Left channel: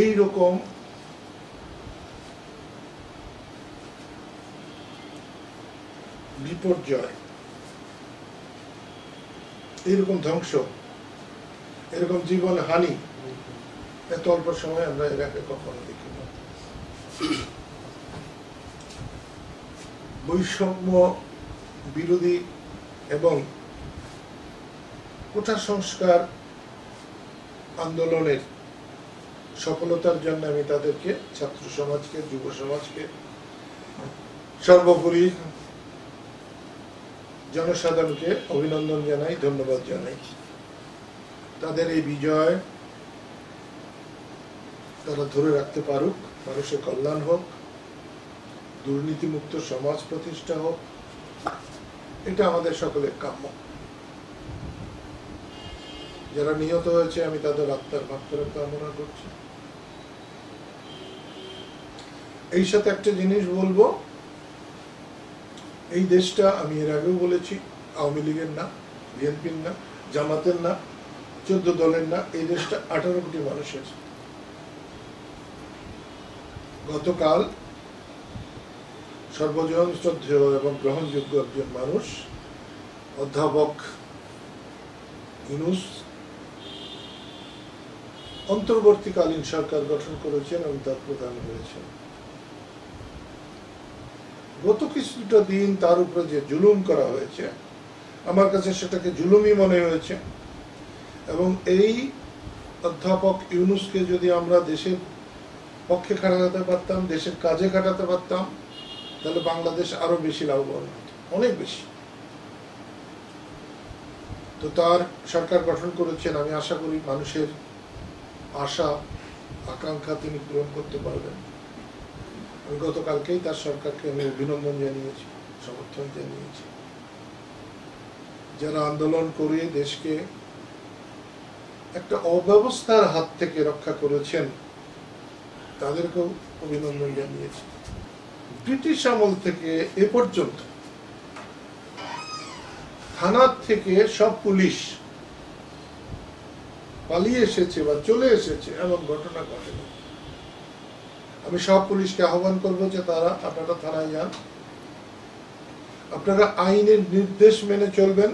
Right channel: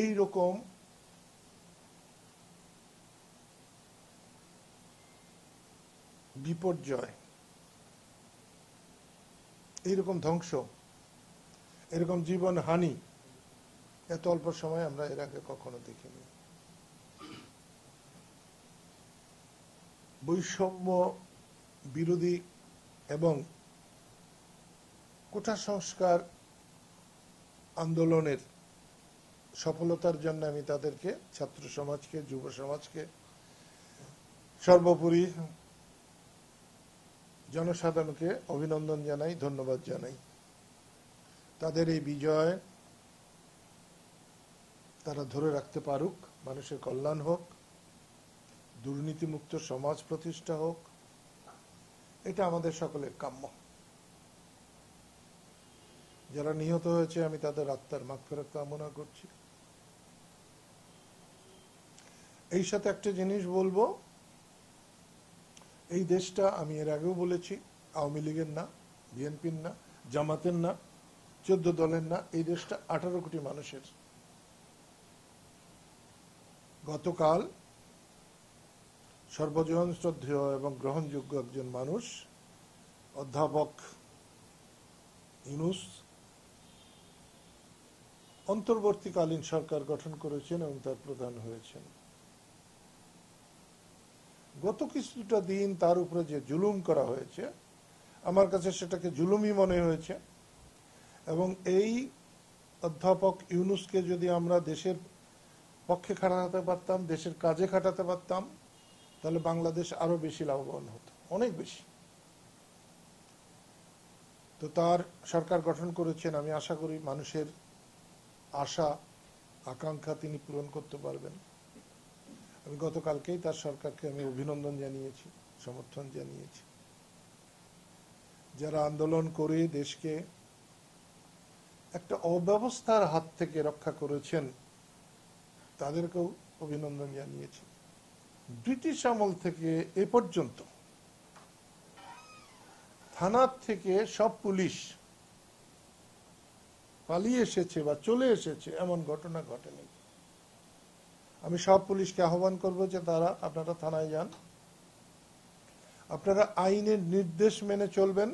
এই রকম বিপর্যয়, এইরকম ধ্বংস, এরকম জীবন হানি এত অল্প সময় আমরা এর আগে কখনো দেখিনি। বৈষম্য বিরোধী এবং কোটা সংস্কার আন্দোলনের সফলতার জন্য আমি তাদেরকে, ছাত্র সমাজকে, যুব সমাজকে, সর্বোপরি জনসাধারণকে অভিনন্দন জানাই, ধন্যবাদ জানাই। তাদের এই বিজয় তারা ধরে রাখতে পারুক, মানুষের কল্যাণ হোক, দুর্নীতিমুক্ত সমাজ প্রতিষ্ঠা হোক, এটা আমাদের সকলের কাম্য। যারা নিহত হয়েছে আমি তাদের আত্মার মাগফিরাত কামনা করছি। এই সাথে একটা জিনিস বলবো, এই দেশটা আমি এর আগেও বলেছি, আওয়ামী লীগের না, বিএনপির না, জামাতের না, 14 দলের না, এই দেশটা 18 কোটি মানুষের। গতকাল সর্বজন শ্রদ্ধেয় এবং গ্রহণযোগ্য একজন মানুষ, অধ্যাপক ইউনূস অন্তর্বর্তীকালীন সরকার গঠন করেছেন এবং তার প্রধান হয়েছেন। গত কিছুটা দিন তার উপরে যে জুলুম করা হয়েছে, আমার কাছে সেটাকে জুলুমই মনে হয়েছে। এবং এই অধ্যাপক ইউনূসকে যদি আমরা দেশের পক্ষে খাটাতে পারতাম, দেশের কাজে খাটাতে পারতাম, তাহলে বাংলাদেশ আরো বেশি লাভবান হতো, অনেক বেশি। তো তার সরকার গঠন করেছেন, আমি আশা করি মানুষের আশা আকাঙ্ক্ষা তিনি পূরণ করতে পারবেন। আমি গতকালকেই তার সরকারকে আমি অভিনন্দন জানিয়েছি, সমর্থন জানিয়েছি। যারা আন্দোলন করে দেশকে একটা অব্যবস্থার হাত থেকে রক্ষা করেছেন তাদেরকেও অভিনন্দন জানিয়েছি। ব্রিটিশ আমল থেকে এ পর্যন্ত থানার থেকে সব পুলিশ পালিয়ে এসেছে বা চলে এসেছে এমন ঘটনা ঘটেনি। আমি সব পুলিশকে আহ্বান করবো যে তারা আপনারা থানায় যান, আপনারা আইনের নির্দেশ মেনে চলবেন,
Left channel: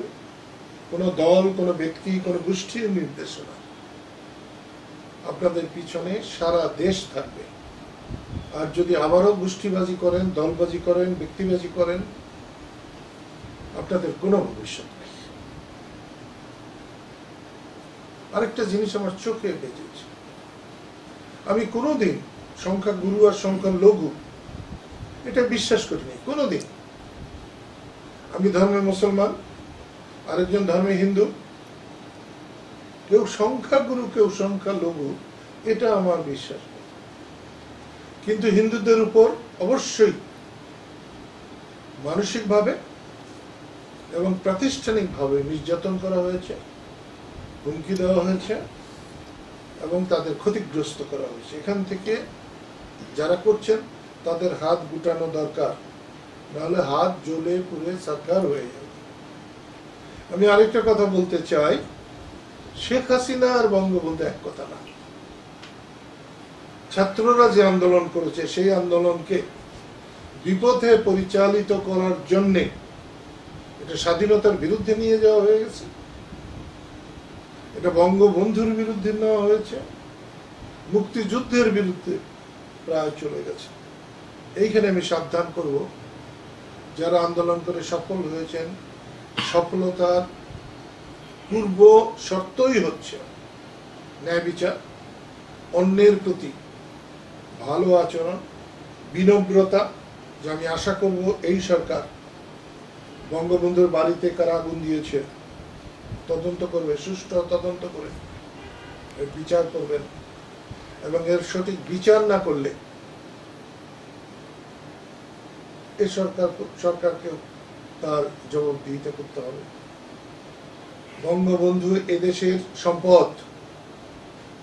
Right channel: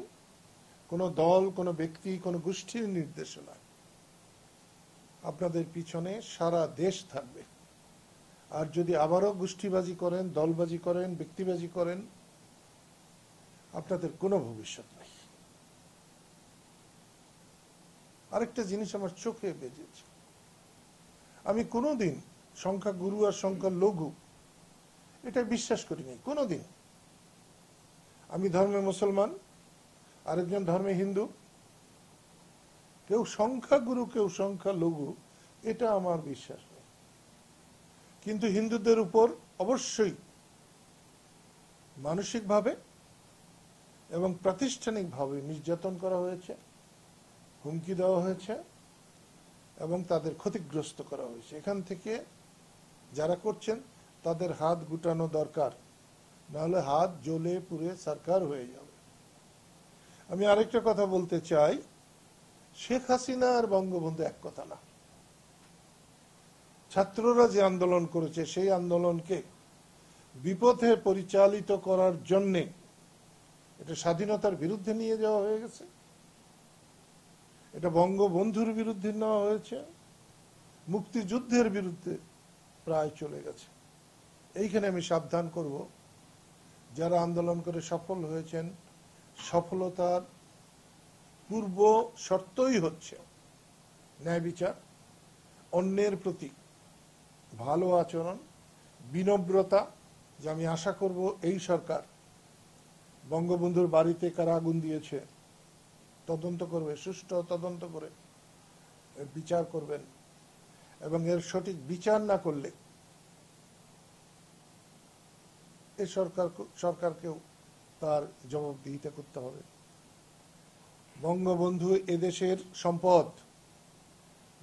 কোন দল, কোন ব্যক্তি, কোন গোষ্ঠীর নির্দেশনা। আপনাদের পিছনে সারা দেশ থাকবে। আর যদি আবারও গোষ্ঠীবাজি করেন, দলবাজি করেন, ব্যক্তিবাজি করেন, আপনাদের কোনো ভবিষ্যৎ নেই। আরেকটা জিনিস আমার চোখে বেজেছে, আমি কোনোদিন সংখ্যা গুরু আর সংখ্যা লঘু এটা বিশ্বাস করিনি কোনোদিন। আমি ধর্মের মুসলমান, আরেকজন ধর্মে হিন্দু, কেউ সংখ্যা গুরু কেউ সংখ্যা লঘু এটা আমার বিশ্বাস। কিন্তু হিন্দুদের উপর অবশ্যই মানসিকভাবে এবং প্রাতিষ্ঠানিকভাবে নির্যাতন করা হয়েছে, হুমকি দেওয়া হয়েছে এবং তাদের ক্ষতিগ্রস্ত করা হয়েছে। এখান থেকে যারা করছেন তাদের হাত গুটানো দরকার, নাহলে হাত জ্বলে পুড়ে সরকার হয়ে যাবে। আমি আরেকটা কথা বলতে চাই, শেখ হাসিনা আর বঙ্গবন্ধু এক কথা না। ছাত্ররা যে আন্দোলন করেছে সেই আন্দোলনকে বিপথে পরিচালিত করার জন্যে এটা স্বাধীনতার বিরুদ্ধে নিয়ে যাওয়া হয়ে গেছে, এটা বঙ্গবন্ধুর বিরুদ্ধে নেওয়া হয়েছে, মুক্তিযুদ্ধের বিরুদ্ধে প্রায় চলে গেছে। এইখানে আমি সাবধান করব, যারা আন্দোলন করে সফল হয়েছেন, সফলতার পূর্ব শর্তই হচ্ছে ন্যায় বিচার, অন্যের প্রতি ভালো আচরণ, বিনম্রতা। যে আমি আশা করব এই সরকার বঙ্গবন্ধুর বাড়িতে কারা আগুন দিয়েছে তদন্ত করবে, সুষ্ঠু তদন্ত করে এর বিচার করবেন, এবং এর সঠিক বিচার না করলে এই সরকারকেও তার জবাবদিহিতা করতে হবে। বঙ্গবন্ধু এদেশের সম্পদ,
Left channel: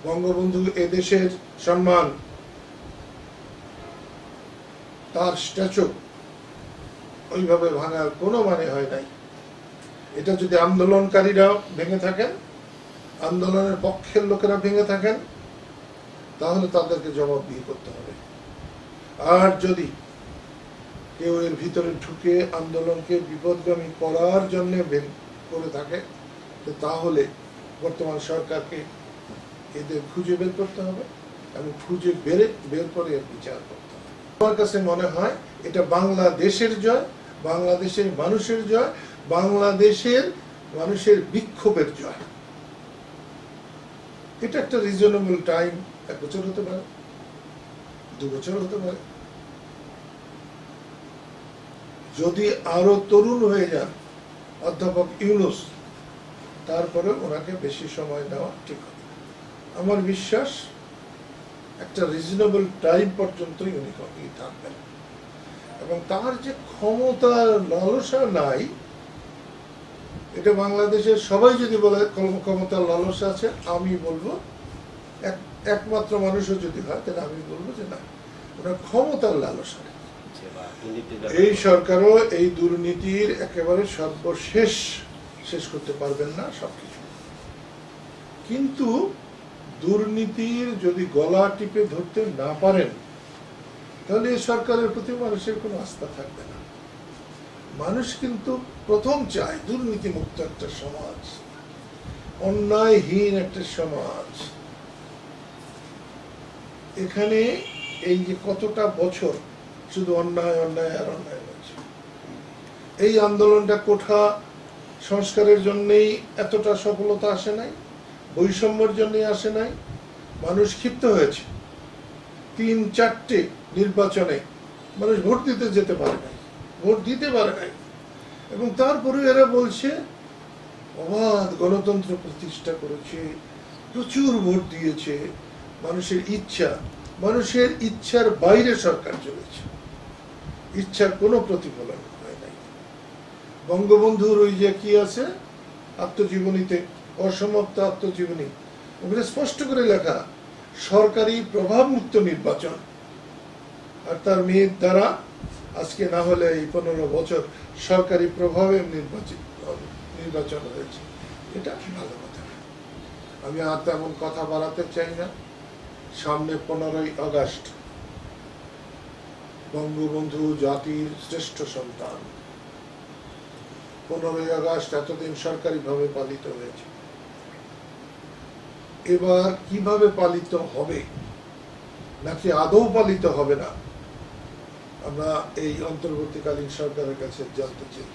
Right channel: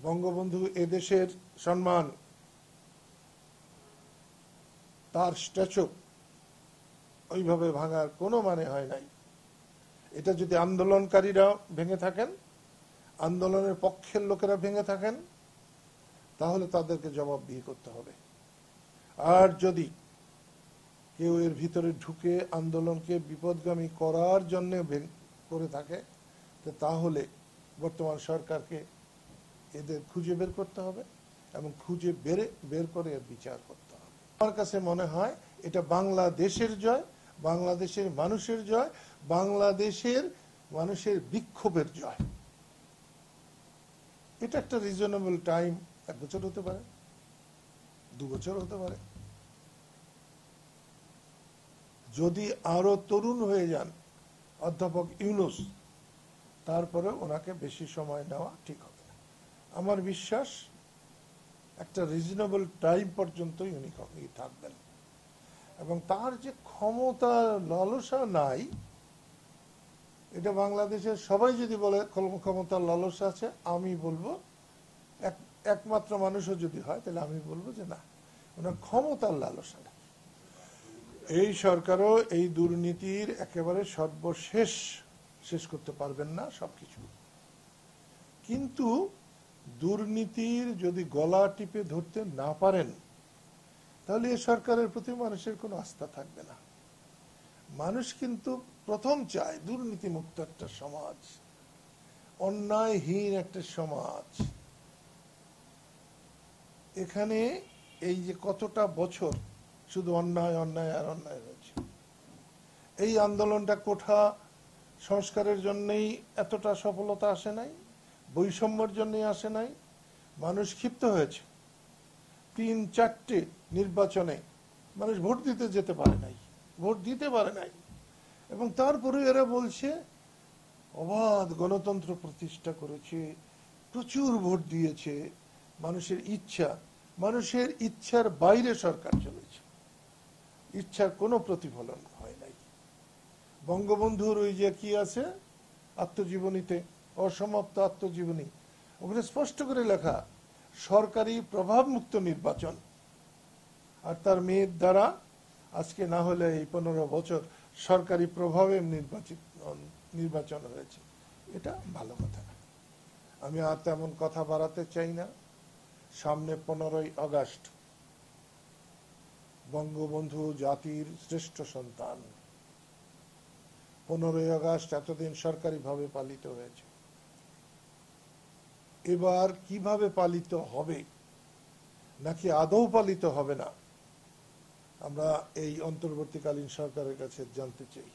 বঙ্গবন্ধু এদেশের সম্মান, তার স্ট্যাচু ওইভাবে ভাঙার কোনো মানে হয় নাই। এটা যদি আন্দোলনকারীরা ভেঙে থাকেন, আন্দোলনের পক্ষের লোকেরা ভেঙে থাকেন, তাহলে তাদেরকে জবাবদিহি করতে হবে। আর যদি কেউ এর ভিতরে ঢুকে আন্দোলনকে বিপদগামী করার জন্য করে থাকে, তাহলে বর্তমান সরকারকে এদের খুঁজে বের করতে হবে এবং খুঁজে বের করে এর বিচার করতে হবে। আমার কাছে মনে হয় এটা বাংলাদেশের জয়, বাংলাদেশের মানুষের জয়, বাংলাদেশের মানুষের বিক্ষোভের জয়। এটা একটা রিজনেবল টাইম, 1 বছর হতে পারে, 2 বছর হতে পারে। যদি আরো তরুণ হয়ে যান অধ্যাপক ইউনূস, তারপরে ওনাকে বেশি সময় নেওয়া ঠিক হবে। আমার বিশ্বাস একটা রিজনেবল টাইম পর্যন্ত উনি থাকবেন, এবং তার যে ক্ষমতার লালসা নাই, এটা বাংলাদেশের সবাই যদি বলে ক্ষমতার লালসা আছে, আমি বলবো একমাত্র মানুষও যদি হয়, তাহলে আমি বলবো যে না, ওনার ক্ষমতার লালসা নেই। এই সরকারও এই দুর্নীতির একেবারে সর্বশেষ শেষ করতে পারবেন না সবকিছু, কিন্তু দুর্নীতির যদি গলা টিপে ধরতে না পারেন, তাহলে এই সরকারের প্রতি মানুষের কোনো আস্থা থাকবে না। মানুষ কিন্তু প্রথম চায় দুর্নীতি মুক্ত একটা সমাজ, অন্যায়হীন একটা সমাজ। এখানে এই যে কতটা বছর শুধু অন্যায় অন্যায় আর অন্যায় হয়েছে, এই আন্দোলনটা কোঠা সংস্কারের জন্যই এতটা সফলতা আসে নাই, বৈষম্যের জন্যই আসে নাই। মানুষ ক্ষিপ্ত হয়েছে, 3-4টে নির্বাচনে মানুষ ভোট দিতে যেতে পারে নাই, ভোট দিতে পারে নাই, এবং তারপরে এরা বলছে অবাধ গণতন্ত্র প্রতিষ্ঠা করেছে, প্রচুর ভোট দিয়েছে। মানুষের ইচ্ছার বাইরে সরকার চলেছে, ইচ্ছার কোনো প্রতিফলন হয় নাই। বঙ্গবন্ধুর ওই যে কি আছে আত্মজীবনীতে, অসমাপ্ত আত্মজীবনী, ওখানে স্পষ্ট করে লেখা সরকারি প্রভাব মুক্ত নির্বাচন, আর তার মেয়ের দ্বারা আজকে না হলে এই 15 বছর সরকারি প্রভাবে নির্বাচন হয়েছে। এটা ভালো কথা। আমি আর তেমন কথা বাড়াতে চাই না। সামনে 15ই আগস্ট, বঙ্গবন্ধু জাতির শ্রেষ্ঠ সন্তান। 15ই আগস্ট এতদিন সরকারিভাবে পালিত হয়েছে, এবার কিভাবে পালিত হবে, নাকি আদৌ পালিত হবে না, আমরা এই অন্তর্বর্তীকালীন সরকারের কাছে জানতে চাই।